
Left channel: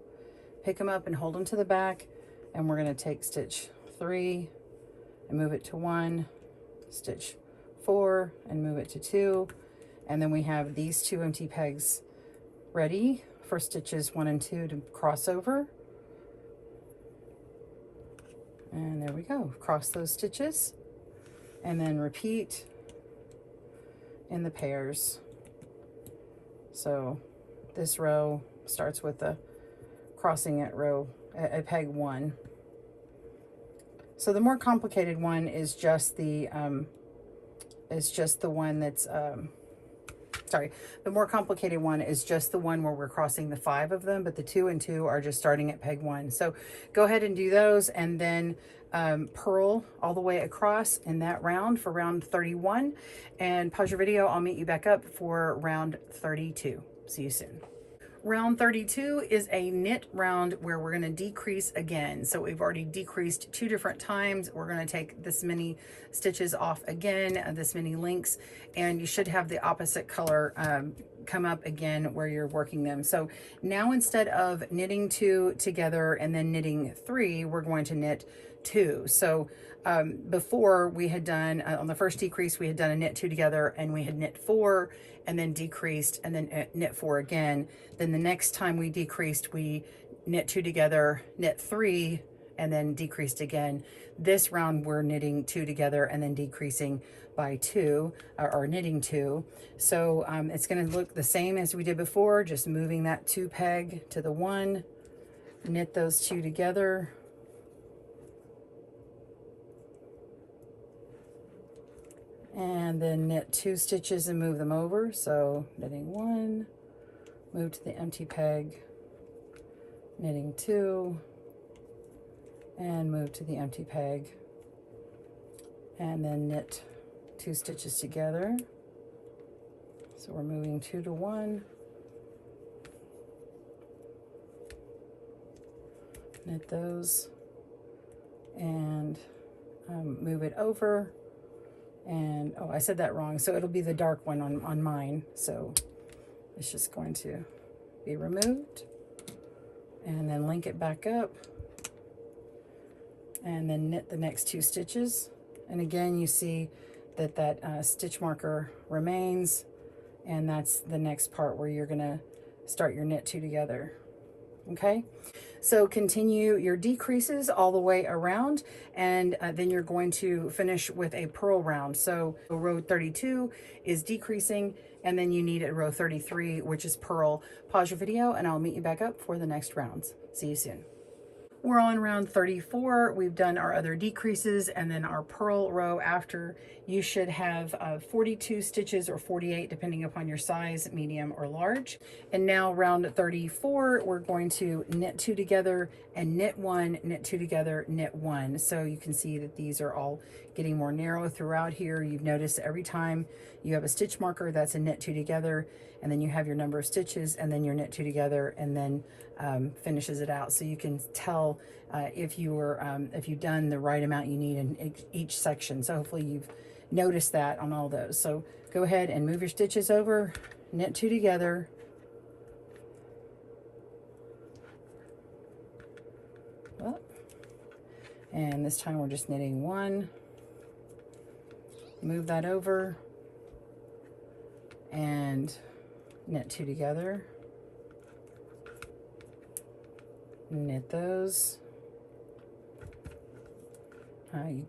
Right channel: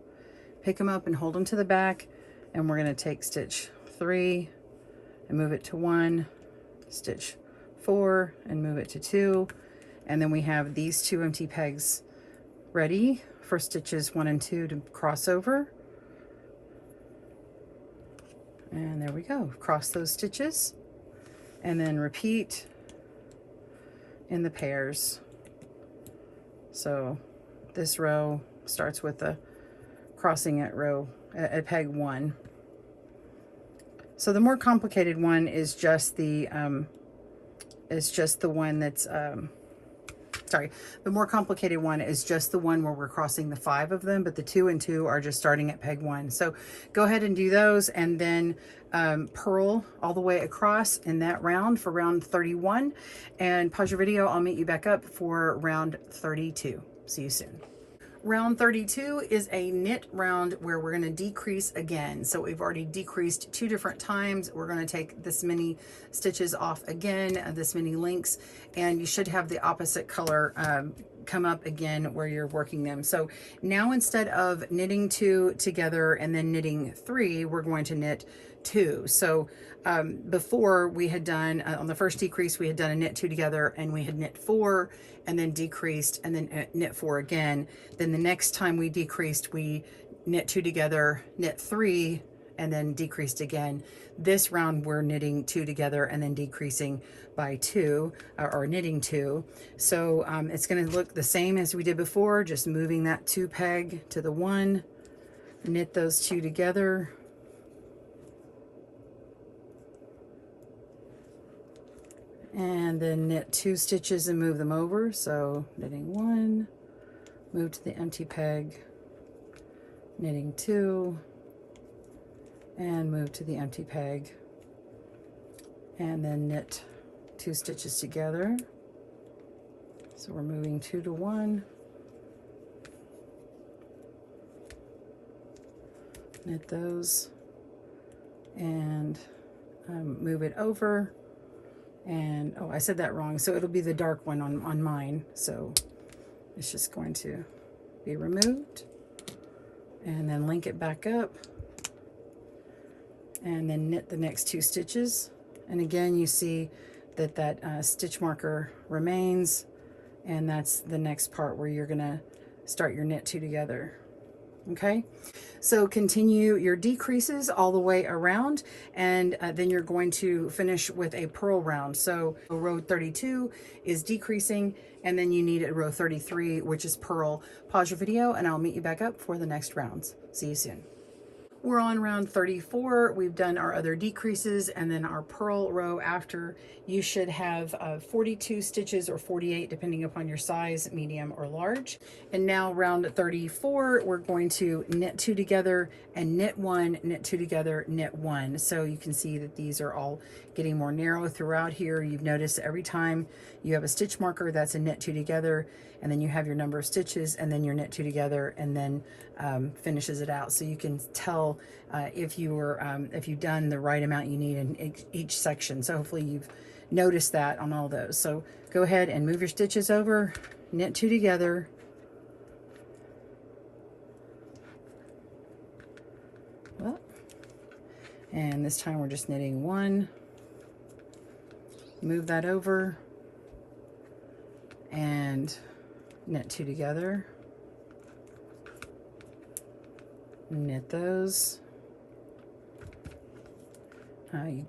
pick them up and hold them to the back, and we're going to take stitch 3 and move it to 1, stitch 4 and move it to 2, and then we have these 2 empty pegs ready for stitches 1 and 2 to cross over. And there we go, cross those stitches, and then repeat in the pairs. So this row starts with the crossing at peg 1. So the more complicated one is just the one that's sorry, the more complicated one is just the one where we're crossing the 5 of them, but the 2 and 2 are just starting at peg 1. So go ahead and do those, and then purl all the way across in that round for round 31, and pause your video. I'll meet you back up for round 32. See you soon. Round 32 is a knit round where we're going to decrease again. So we've already decreased 2 different times. We're going to take this many stitches off again, this many links, and you should have the opposite color come up again where you're working them. So now instead of knitting 2 together and then knitting 3, we're going to knit 2. So before we had done, on the first decrease, we had done a knit 2 together, and we had knit 4 and then decreased and then knit 4 again. Then the next time we decreased, we knit 2 together, knit 3, and then decreased again. This round we're knitting 2 together and then decreasing by 2, or knitting 2. So it's going to look the same as we did before, just moving that 2 peg to the 1, knit those 2 together, and then knit 2 stitches and move them over. So knitting 1, move to the empty peg, knitting 2, and move to the empty peg, and then knit 2 stitches together. So we're moving 2 to 1, knit those, and move it over. And oh, I said that wrong, so it'll be the dark one on mine. So it's just going to be removed, and then link it back up, and then knit the next 2 stitches. And again, you see that that stitch marker remains, and that's the next part where you're gonna start your knit 2 together. Okay, so continue your decreases all the way around, and then you're going to finish with a purl round. So row 32 is decreasing, and then you need a row 33, which is purl. Pause your video, and I'll meet you back up for the next rounds. See you soon. We're on round 34. We've done our other decreases and then our purl row after. You should have 42 stitches or 48 depending upon your size, medium or large. And now round 34, we're going to knit 2 together and knit 1, knit 2 together, knit 1. So you can see that these are all getting more narrow throughout here. You've noticed every time you have a stitch marker, that's a knit 2 together, and then you have your number of stitches, and then your knit 2 together, and then finishes it out. So you can tell if you've done the right amount you need in each section. So hopefully you've noticed that on all those. So go ahead and move your stitches over, knit 2 together, and this time we're just knitting 1, move that over, and knit 2 together, knit those.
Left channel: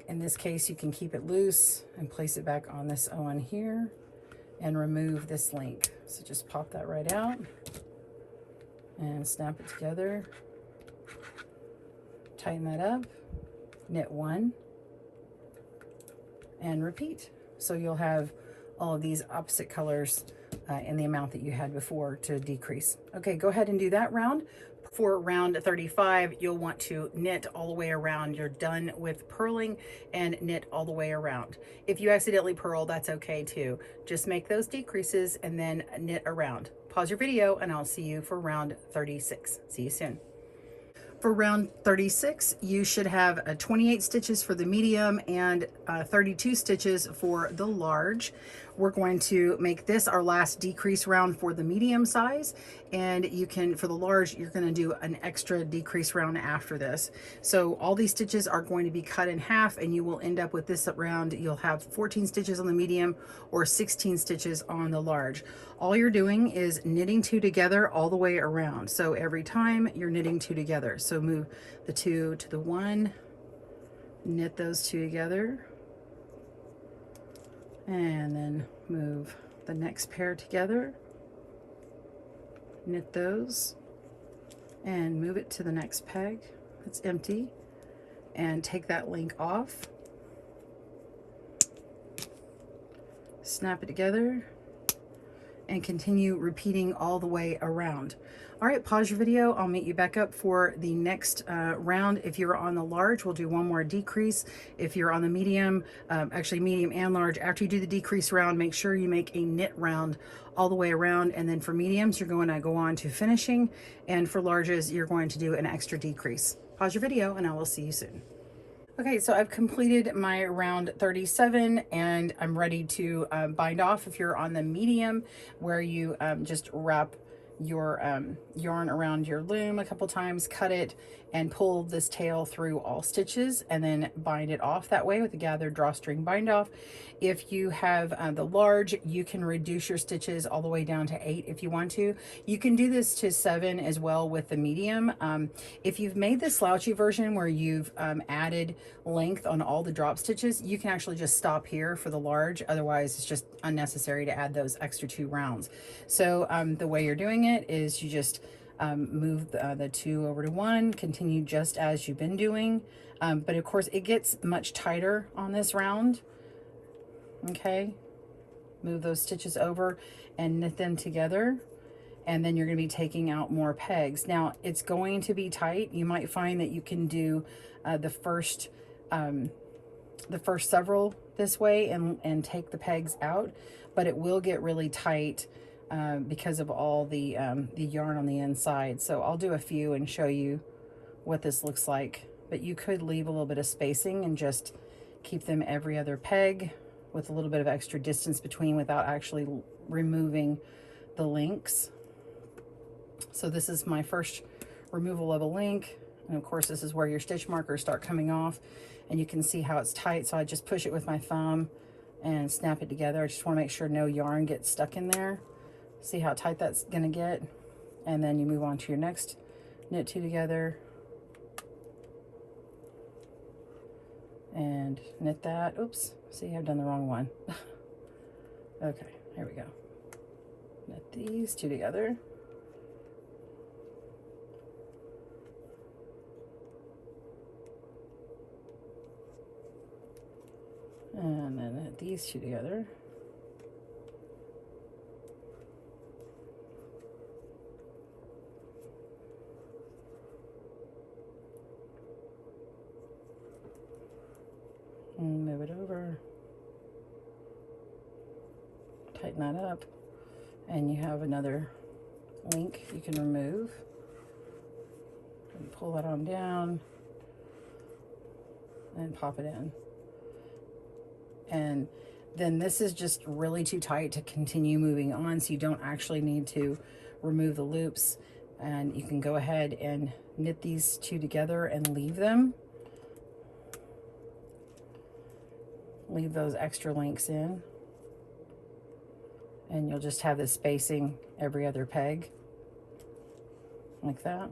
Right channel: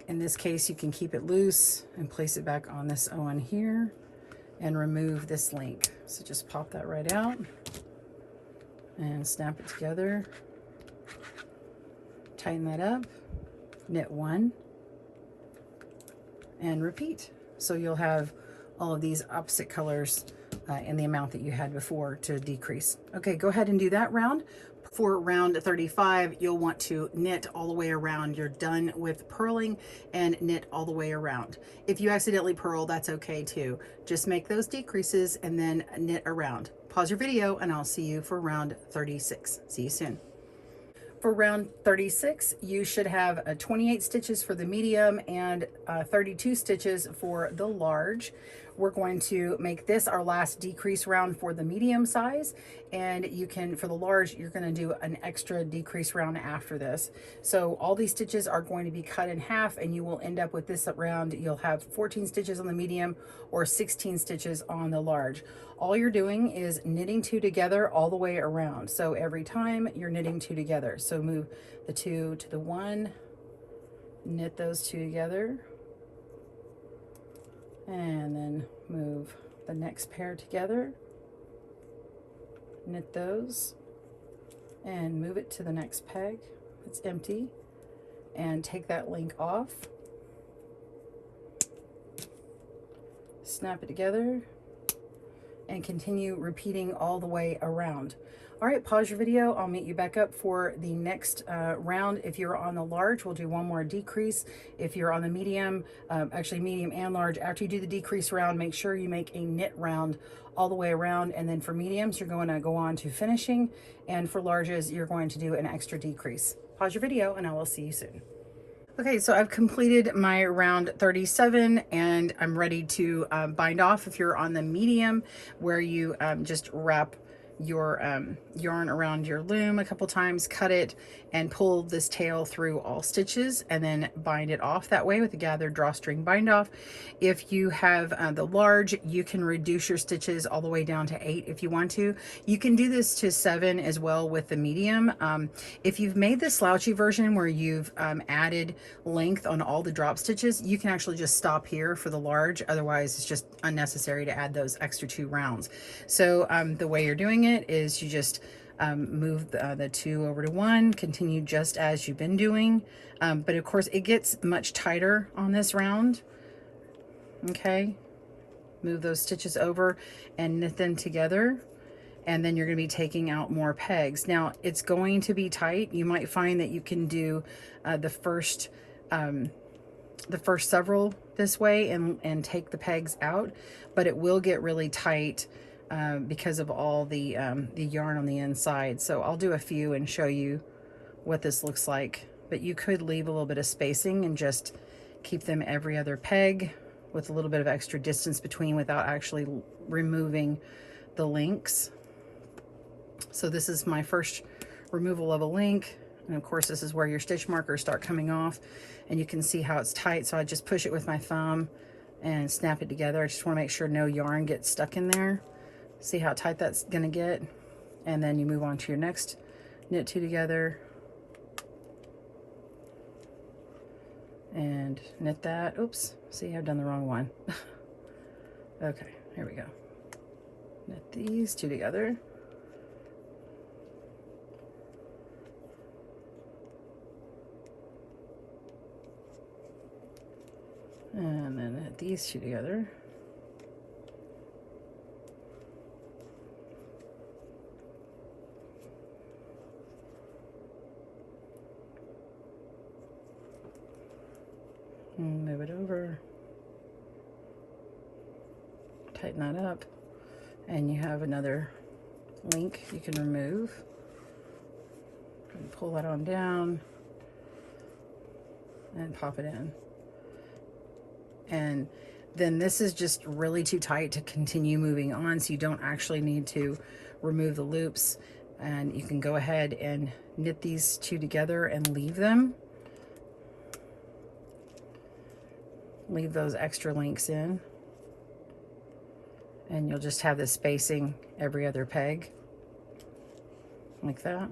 In this case, you can keep it loose and place it back on this Owen here and remove this link. So just pop that right out and snap it together, tighten that up, knit 1, and repeat. So you'll have all of these opposite colors in the amount that you had before to decrease. Okay, go ahead and do that round. For round 35, you'll want to knit all the way around. You're done with purling, and knit all the way around. If you accidentally purl, that's okay too. Just make those decreases and then knit around. Pause your video, and I'll see you for round 36. See you soon. For round 36, you should have 28 stitches for the medium and 32 stitches for the large. We're going to make this our last decrease round for the medium size, and you can, for the large, you're going to do an extra decrease round after this. So all these stitches are going to be cut in half, and you will end up with this round. You'll have 14 stitches on the medium or 16 stitches on the large. All you're doing is knitting 2 together all the way around. So every time you're knitting 2 together. So move the 2 to the 1, knit those 2 together, and then move the next pair together, knit those, and move it to the next peg that's empty, and take that link off, snap it together, and continue repeating all the way around. All right, pause your video. I'll meet you back up for the next round. If you're on the large, we'll do one more decrease. If you're on the medium, actually medium and large, after you do the decrease round, make sure you make a knit round all the way around. And then for mediums, you're going to go on to finishing. And for larges, you're going to do an extra decrease. Pause your video and I will see you soon. Okay, so I've completed my round 37 and I'm ready to bind off. If you're on the medium, where you just wrap your yarn around your loom a couple times, cut it and pull this tail through all stitches and then bind it off that way with the gathered drawstring bind off. If you have the large, you can reduce your stitches all the way down to 8 if you want to. You can do this to 7 as well with the medium. If you've made the slouchy version where you've added length on all the drop stitches, you can actually just stop here for the large. Otherwise, it's just unnecessary to add those extra 2 rounds. So the way you're doing it is you just move the 2 over to 1, continue just as you've been doing. But of course, it gets much tighter on this round. Okay, move those stitches over and knit them together. And then you're going to be taking out more pegs. Now, it's going to be tight. You might find that you can do the first several this way and take the pegs out, but it will get really tight because of all the yarn on the inside. So I'll do a few and show you what this looks like, but you could leave a little bit of spacing and just keep them every other peg with a little bit of extra distance between without actually removing the links. So this is my first removal of a link, and of course this is where your stitch markers start coming off, and you can see how it's tight. So I just push it with my thumb and snap it together. I just want to make sure no yarn gets stuck in there. See how tight that's going to get, and then you move on to your next knit 2 together and knit that. Oops, see, I've done the wrong one. Okay, here we go. Knit these 2 together. And then knit these 2 together. And move it over. Tighten that up. And you have another link you can remove. And pull that on down. And pop it in. And then this is just really too tight to continue moving on, so you don't actually need to remove the loops, and you can go ahead and knit these 2 together and leave them. Leave those extra links in, and you'll just have this spacing every other peg like that.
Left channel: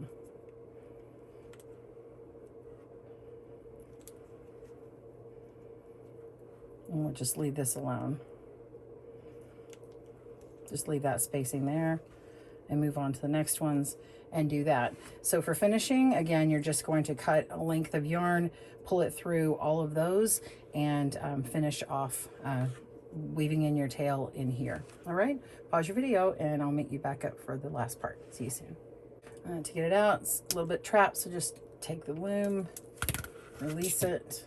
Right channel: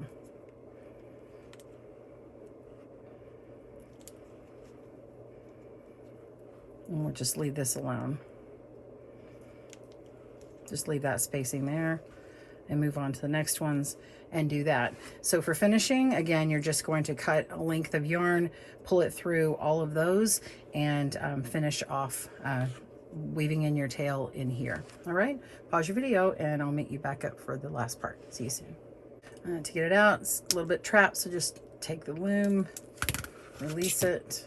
And we'll just leave this alone. Just leave that spacing there and move on to the next ones and do that. So for finishing, again, you're just going to cut a length of yarn, pull it through all of those, and finish off weaving in your tail in here. All right, pause your video and I'll meet you back up for the last part. See you soon. To get it out, it's a little bit trapped, so just take the loom, release it,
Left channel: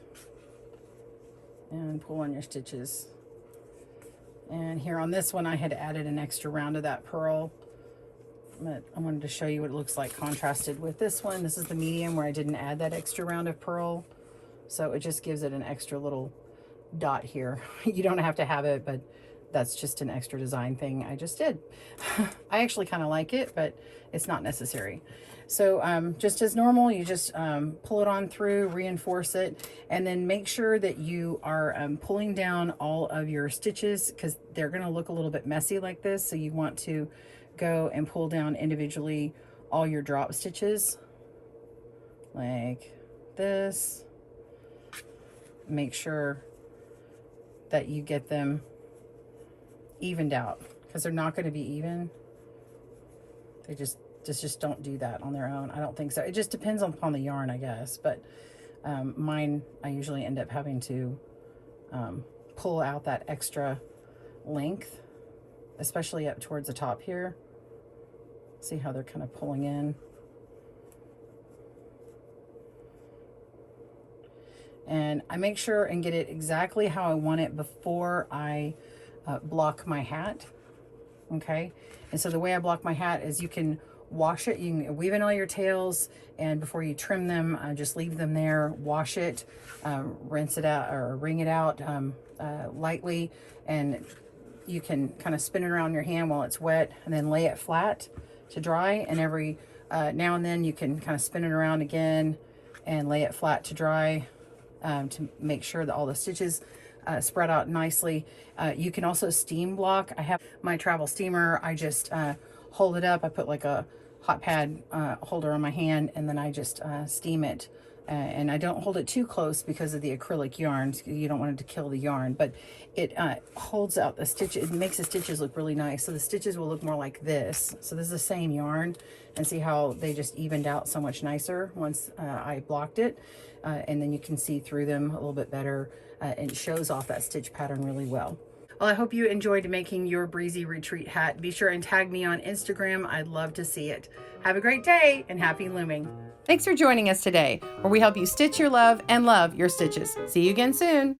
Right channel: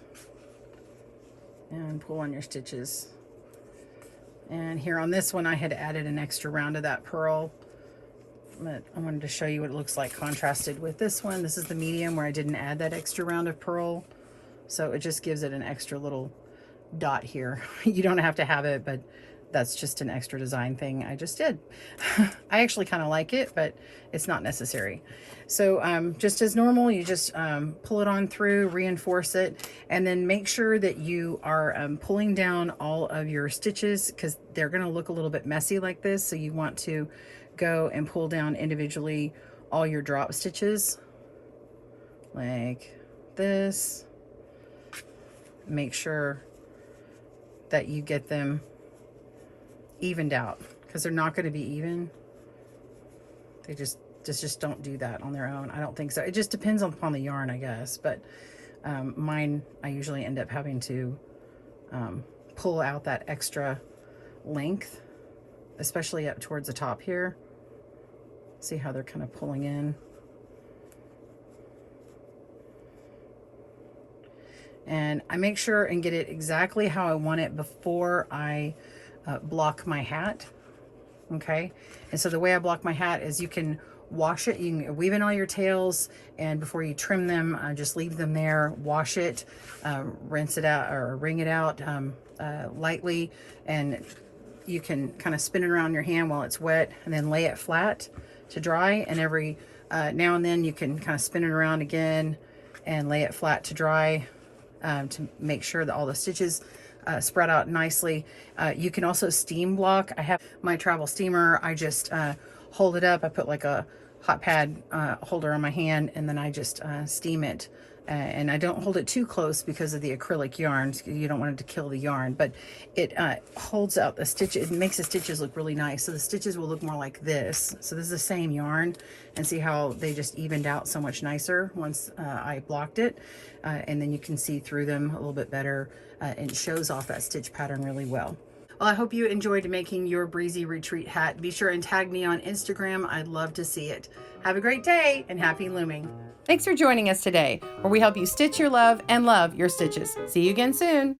and pull on your stitches. And here on this one, I had added an extra round of that purl, but I wanted to show you what it looks like contrasted with this one. This is the medium where I didn't add that extra round of purl, so it just gives it an extra little dot here. You don't have to have it, but that's just an extra design thing I just did. I actually kind of like it, but it's not necessary. So just as normal, you just pull it on through, reinforce it, and then make sure that you are pulling down all of your stitches, because they're going to look a little bit messy like this. So you want to go and pull down individually all your drop stitches like this. Make sure that you get them evened out, because they're not going to be even. They just don't do that on their own. I don't think so. It just depends upon the yarn, I guess. But mine, I usually end up having to pull out that extra length especially up towards the top here. See how they're kind of pulling in. And I make sure and get it exactly how I want it before I block my hat. Okay, and so the way I block my hat is you can wash it, you can weave in all your tails, and before you trim them, just leave them there, wash it, rinse it out or wring it out lightly, and you can kind of spin it around your hand while it's wet, and then lay it flat to dry, and every now and then you can kind of spin it around again and lay it flat to dry, to make sure that all the stitches spread out nicely. You can also steam block. I have my travel steamer. I just hold it up. I put like a hot pad holder on my hand, and then I just steam it. And I don't hold it too close because of the acrylic yarn. You don't want it to kill the yarn, but it holds out the stitch. It makes the stitches look really nice. So the stitches will look more like this. So this is the same yarn, and see how they just evened out so much nicer once I blocked it. And then you can see through them a little bit better, and it shows off that stitch pattern really well. Well, I hope you enjoyed making your Breezy Retreat hat. Be sure and tag me on Instagram. I'd love to see it. Have a great day and happy looming. Thanks for joining us today, where we help you stitch your love and love your stitches. See you again soon.